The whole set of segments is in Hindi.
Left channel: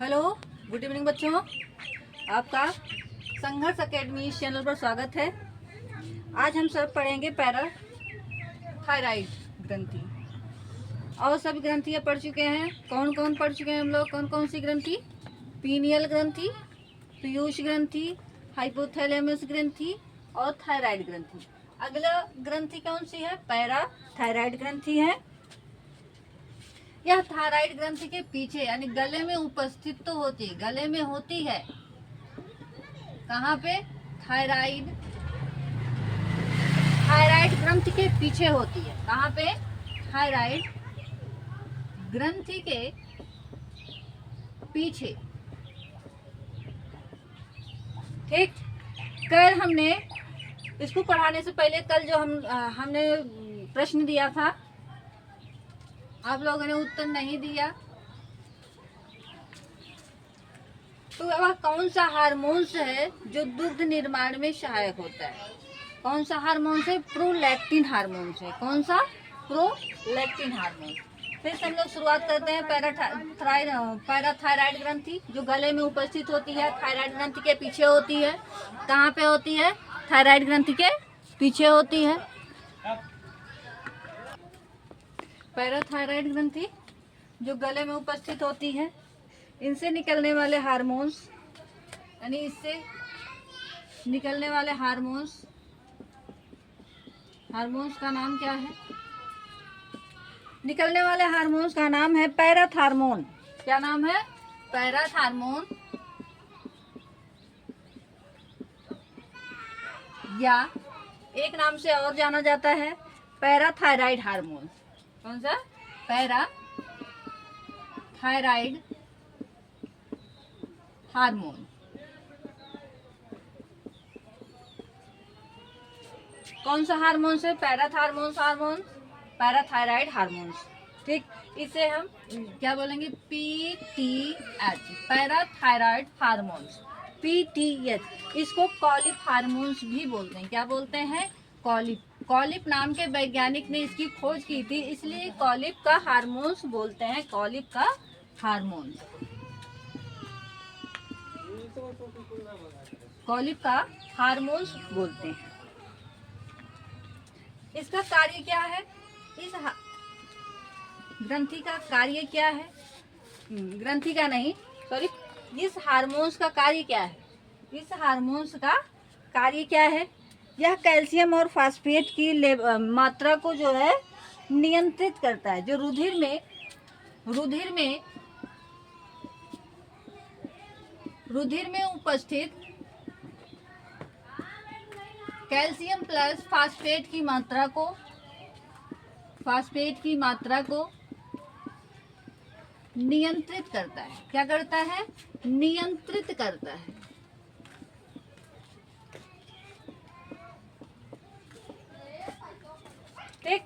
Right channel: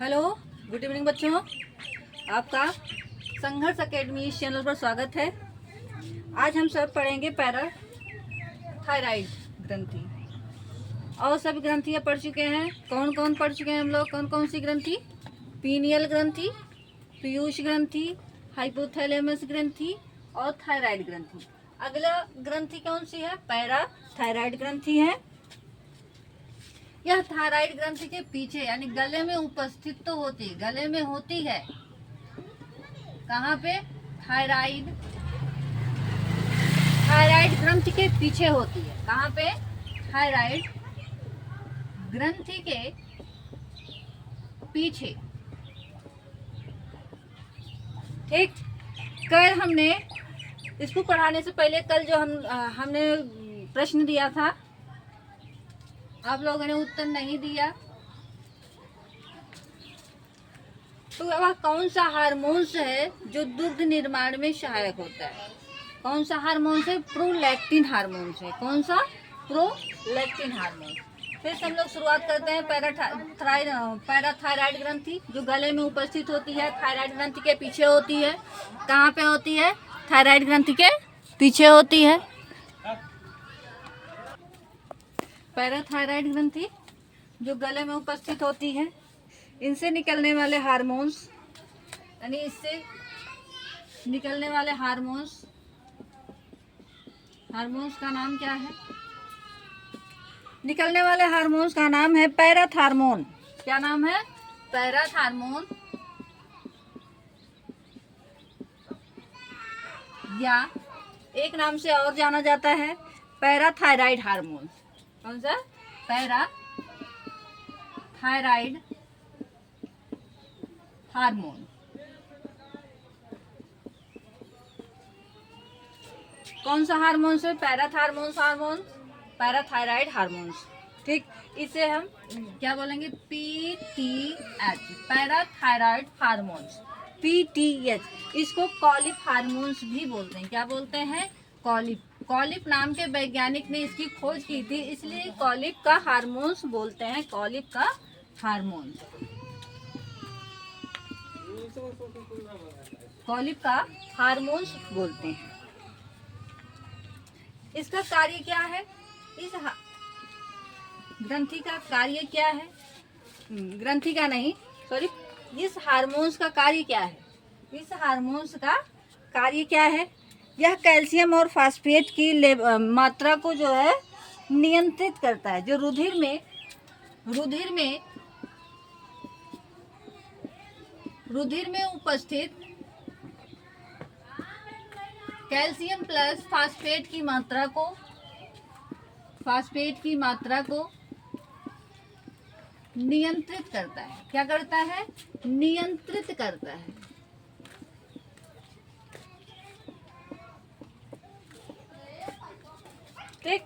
हेलो, गुड इवनिंग बच्चों। आपका संघर्ष एकेडमी इस चैनल पर स्वागत है। आज हम सब पढ़ेंगे पैराथायराइड ग्रंथि। और सब ग्रंथियाँ पढ़ चुके हैं। कौन कौन पढ़ चुके हैं हम लोग? कौन कौन सी ग्रंथि? पीनियल ग्रंथि, पीयूष ग्रंथि, हाइपोथैलेमस ग्रंथि और थायराइड ग्रंथि। अगला ग्रंथि कौन सी है? पैराथायराइड ग्रंथि है। यह थायराइड ग्रंथि के पीछे यानी गले में उपस्थित तो होती, गले में होती है। कहाँ पे? थायराइड थायराइड ग्रंथि के पीछे होती है। कहाँ पे? थायराइड ग्रंथि के पीछे। ठीक। कल हमने इसको पढ़ाने से पहले कल जो हमने प्रश्न दिया था, आप लोगों ने उत्तर नहीं दिया। तो वह कौन सा हार्मोन्स है जो दुग्ध निर्माण में सहायक होता है? कौन सा हार्मोन्स है? प्रोलैक्टिन हार्मोन्स है। कौन सा? Prolactin hormone. फिर से हम लोग शुरुआत करते हैं। पैराथायराइड ग्रंथि जो गले में उपस्थित होती है, थायराइड ग्रंथि के पीछे होती है। कहाँ पे होती है? थायराइड ग्रंथि के पीछे होती है। पैराथायराइड ग्रंथि जो गले में उपस्थित होती है, इनसे निकलने वाले हार्मोन्स यानी इससे निकलने वाले हार्मोन्स का नाम क्या है? निकलने वाले हार्मोन्स का नाम है पैराथार्मोन। क्या नाम है? पैराथार्मोन, या एक नाम से और जाना जाता है पैराथायराइड हार्मोन। कौन सा? Parathyroid hormone. कौन सा हार्मोन से? Parathyroid hormones. ठीक। इसे हम क्या बोलेंगे? PTH, parathyroid hormones. PTH, इसको कॉलिप हार्मोन्स भी बोलते हैं। क्या बोलते हैं? कॉलिप नाम के वैज्ञानिक ने इसकी खोज की थी, इसलिए कॉलिप का हार्मोन्स बोलते हैं। कॉलिप का हार्मोन्स, कॉलिप का हार्मोन्स बोलते हैं। इसका कार्य क्या है? इस ग्रंथि का कार्य क्या है? ग्रंथि का नहीं, सॉरी, इस हार्मोन्स का कार्य क्या है? इस हार्मोन्स का कार्य क्या है? यह कैल्शियम और फास्फेट की मात्रा को जो है नियंत्रित करता है। जो रुधिर में उपस्थित कैल्शियम प्लस फास्फेट की मात्रा को नियंत्रित करता है। क्या करता है? नियंत्रित करता है। ठीक।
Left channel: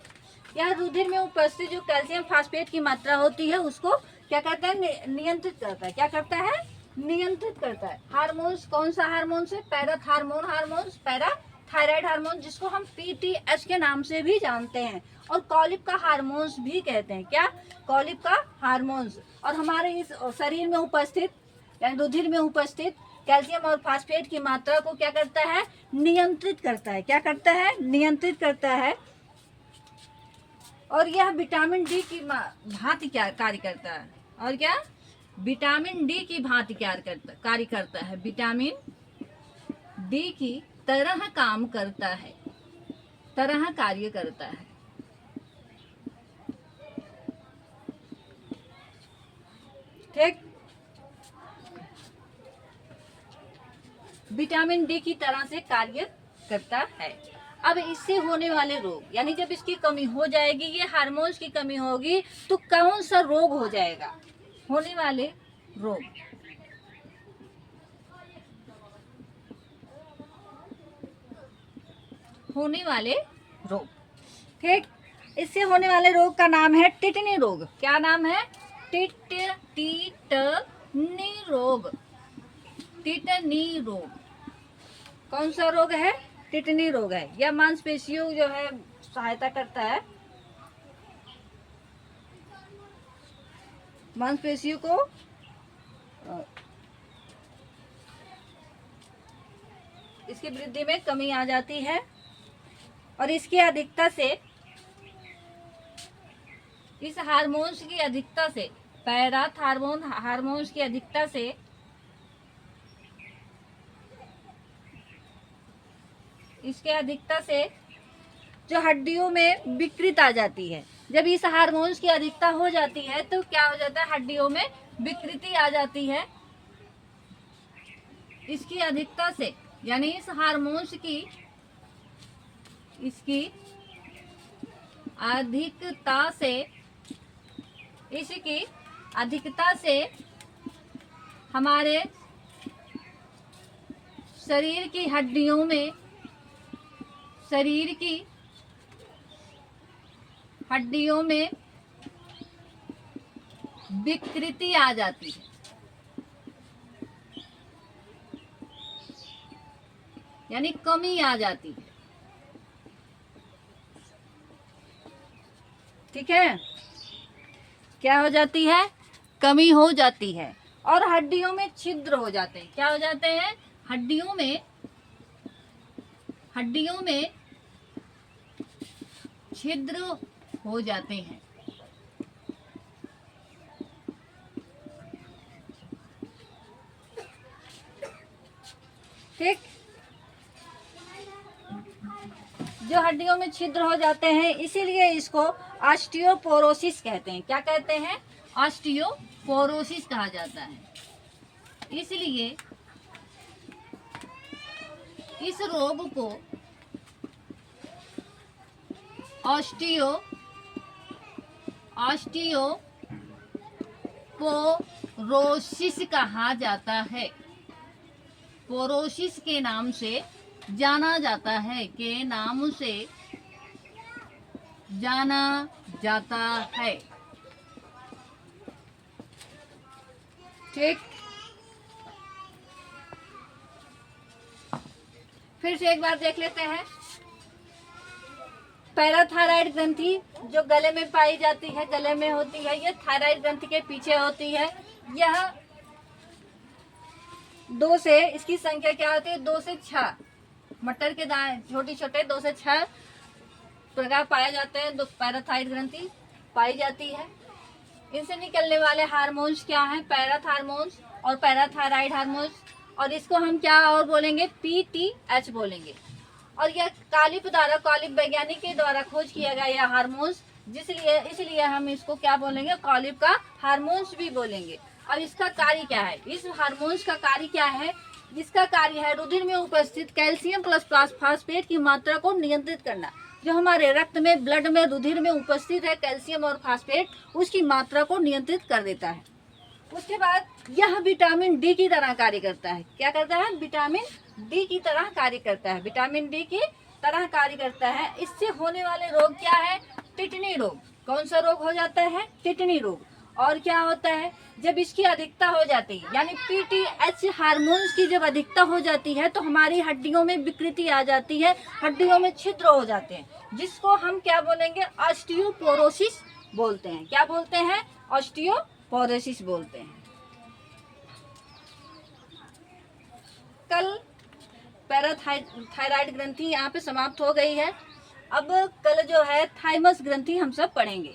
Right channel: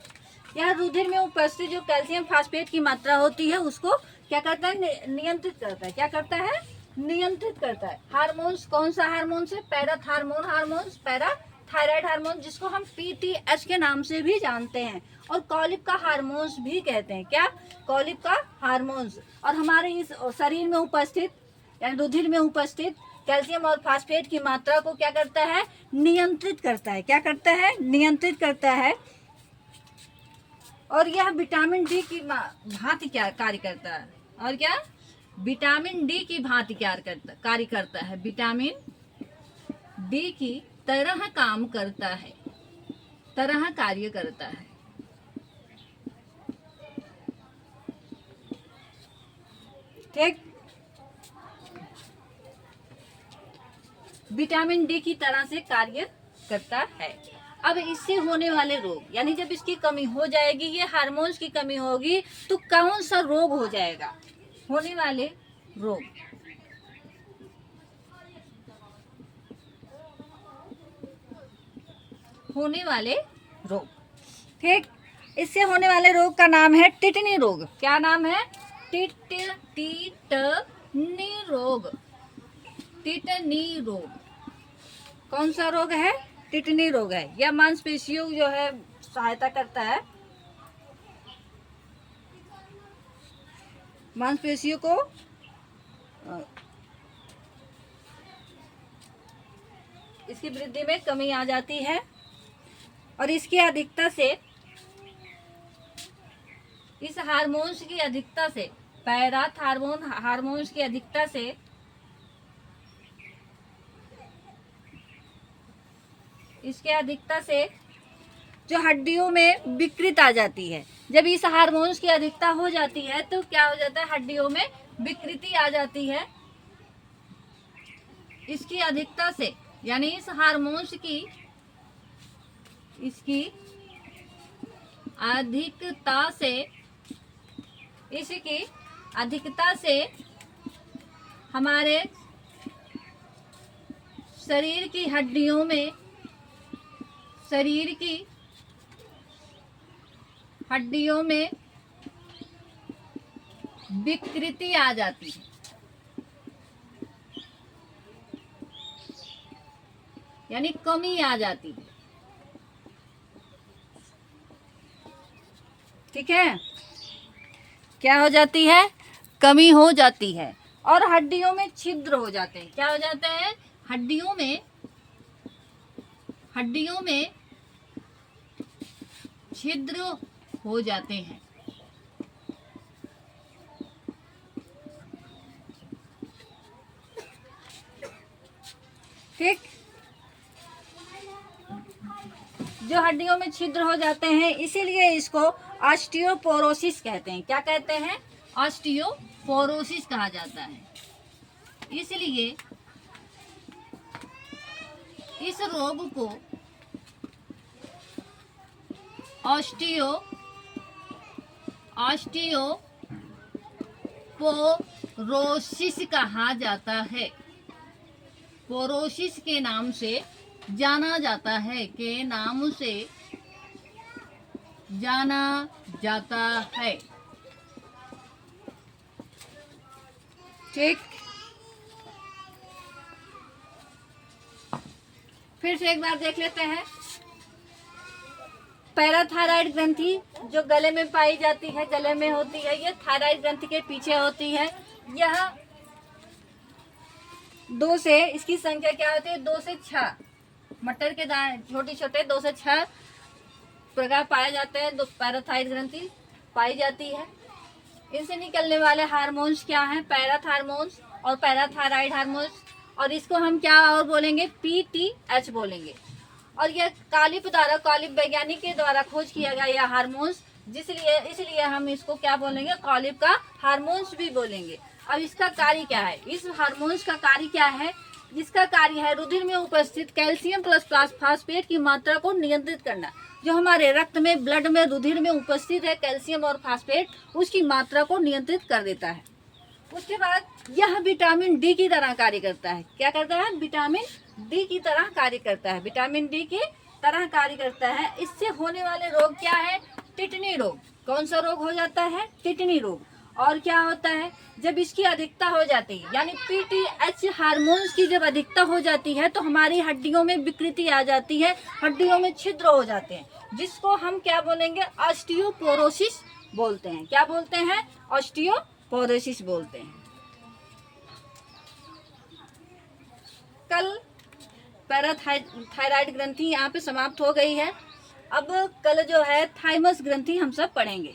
यह रुधिर में उपस्थित जो कैल्शियम फास्फेट की मात्रा होती है उसको क्या करता है? नियंत्रित करता है। क्या करता है? नियंत्रित करता है। हार्मोन्स, कौन सा हार्मोन्स है? पैराथायराइड हार्मोन, जिसको हम PTH के नाम से भी जानते हैं और कॉलिप का हार्मोन्स भी कहते हैं। क्या? कॉलिप का हार्मोन्स। और हमारे इस शरीर में उपस्थित यानी रुधिर में उपस्थित कैल्शियम और फास्फेट की मात्रा को क्या करता है? नियंत्रित करता है। क्या करता है? नियंत्रित करता है। और यह विटामिन डी की भांति क्या कार्य करता है? और क्या? विटामिन डी की भांति कार्य करता है। विटामिन डी की तरह काम करता है, तरह कार्य करता है। ठीक। विटामिन डी की तरह से कार्य करता है। अब इससे होने वाले रोग यानी जब इसकी कमी हो जाएगी, ये हार्मोन्स की कमी होगी, तो कौन सा रोग हो जाएगा? होने वाले रोग, ठीक। इससे होने वाले रोग का नाम है टिटनी रोग। क्या नाम है? टिटनी रोग। कौन सा रोग है? टिटनी रोग है। यह मांसपेशियों जो है सहायता करता है, मांसपेशियों को इसकी वृद्धि में कमी आ जाती है और इसकी अधिकता से, इस हार्मोन्स की अधिकता से, पैराथायरॉयड हार्मोन्स की अधिकता से इसके अधिकता से जो हड्डियों में विकृति आ जाती है। जब इस हार्मोन्स की अधिकता हो जाती है तो क्या हो जाता है, हड्डियों में विकृति आ जाती है। इसकी अधिकता से, यानी इस हार्मोन्स की, इसकी अधिकता से, इसकी अधिकता से हमारे शरीर की हड्डियों में, शरीर की हड्डियों में विकृति आ जाती है, यानी कमी आ जाती है। ठीक है, क्या हो जाती है, कमी हो जाती है और हड्डियों में छिद्र हो जाते हैं। क्या हो जाते हैं, हड्डियों में छिद्र हो जाते हैं। ठीक, जो हड्डियों में छिद्र हो जाते हैं, इसीलिए इसको ऑस्टियोपोरोसिस कहते हैं। क्या कहते हैं, ऑस्टियोपोरोसिस कहा जाता है। इसलिए इस रोग को ऑस्टियोपोरोसिस कहा जाता है। पोरोसिस के नाम से जाना जाता है, के नाम से जाना जाता है। ठीक, फिर से एक बार देख लेते हैं। पैराथायराइड ग्रंथि जो गले में पाई जाती है, गले में होती है, यह थायराइड ग्रंथि के पीछे होती है। यह 2 से, इसकी संख्या क्या होती है, 2 से 6 मटर के दाने छोटे छोटे 2 से 6 प्रकार पाए जाते हैं। 2 पैराथायराइड ग्रंथि पाई जाती है। इनसे निकलने वाले हार्मोन्स क्या हैं, पैराथायरॉयड और पैराथायराइड हार्मोन्स, और इसको हम क्या और बोलेंगे, PTH बोलेंगे। और यह कालिप वैज्ञानिक के द्वारा खोज किया गया यह हार्मोन्स, इसलिए हम इसको क्या बोलेंगे, कालिप का हार्मोन्स भी बोलेंगे। अब इसका कार्य क्या है, इस हार्मोन्स का कार्य क्या है, जिसका कार्य है रुधिर में उपस्थित कैल्शियम प्लस फास्फेट की मात्रा को नियंत्रित करना। जो हमारे रक्त में, ब्लड में, रुधिर में उपस्थित है कैल्शियम और फास्फेट, उसकी मात्रा को नियंत्रित कर देता है। उसके बाद यह विटामिन डी की तरह कार्य करता है। क्या करता है, विटामिन डी की तरह कार्य करता है, विटामिन डी की तरह कार्य करता है। इससे होने वाले रोग क्या है, टिटनी रोग। कौन सा रोग हो जाता है, टिटनी रोग। और क्या होता है, जब इसकी अधिकता हो जाती है, यानी PTH हार्मोन्स की जब अधिकता हो जाती है तो हमारी हड्डियों में विकृति आ जाती है, हड्डियों में छिद्र हो जाते हैं, जिसको हम क्या बोलेंगे, ऑस्टियोपोरोसिस बोलते हैं। क्या बोलते हैं, ऑस्टियोपोरोसिस बोलते हैं। कल पैराथायराइड ग्रंथि यहाँ पे समाप्त हो गई है। अब कल जो है थाइमस ग्रंथि हम सब पढ़ेंगे।